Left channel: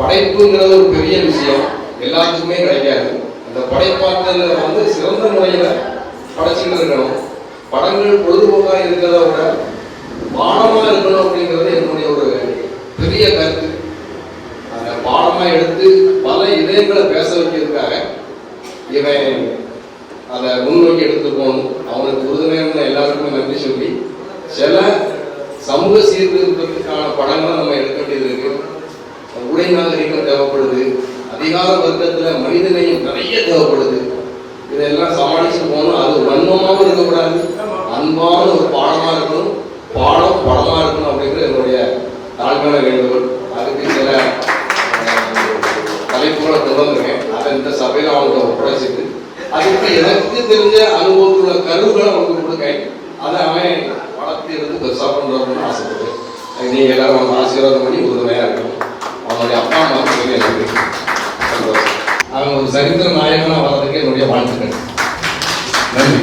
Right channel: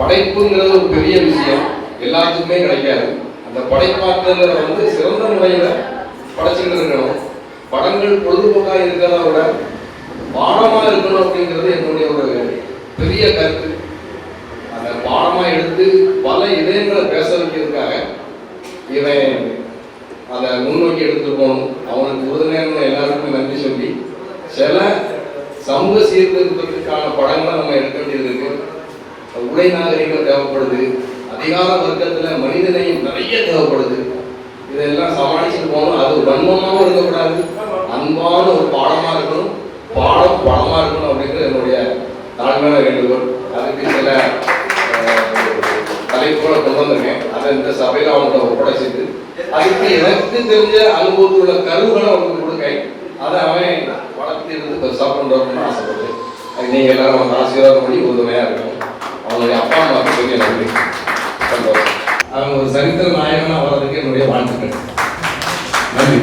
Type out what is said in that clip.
படைப்புங்கிறது ஒரு பெரிய விஷயம், எல்லாத்துக்குமே கிடைக்காது. அந்த படைப்பாற்றல் வந்து சிறந்த முறையில் படைச்சுட்டு இருக்கணும். படங்கள் பொழுதுபோக்காக இருக்கிறத விட பாடமாக இருக்கணும் அப்படிங்கிறது என்னுடைய ஒரு பெரிய கருத்து. அந்த பாடமாக எடுத்து பல இதயங்களை பேச வைக்கிறதுக்காக இவன் அதை முன்னோக்கி எடுத்து போகணும். அவனுக்கு உறுதுணையான எல்லாருக்குமே நன்றி சொல்லி சில சமூக சீர்திருத்தத்துக்கான படங்களை நம்ம எடுக்க வேண்டியது இருக்கு. உடை நாகரிகம் தேவைப்படுது, அதிகார வர்க்கத்தில் மனிதனையும் நிறைய தேவைப்படுது. இதெல்லாம் சமாளிச்சு போகணும். அது வன்மமாகவும் இருக்கக்கூடாது, அன்பான ஒரு பாடமாக இருக்கணும், பாடம் படமாக இருக்கணும் அப்படிங்கிறது என்னுடைய தாழ்மையான வேண்டுகோள். அதுக்கு சில தலைப்புகளை கொண்டு வந்திருக்கேன். அதை இந்த சபையில் அவங்கள்ட்ட ஒப்படைச்சிட்டு அதுக்கு எனக்கு தெரிஞ்ச அனுபவத்துள்ள கருவுகளை அவங்களுக்கு கொடுக்கேன். அதை அவன் வளர்த்து இருந்து பெருசாக பண்ணுறோம்னு ஆசைப்படுது. அது நீங்கள் எல்லாரும் அவங்க ஆசீர்வாதம் பண்ணி உறுதுணையாக இருக்கணும். அவங்களுடைய அப்பா அம்மாவுக்கு சொல்லி எனக்கு சந்தோஷம். அவங்க ஒரு சரித்திர நாயகனாக வர்றதுக்கு என்னுடைய வாழ்த்துக்கள். நன்றி.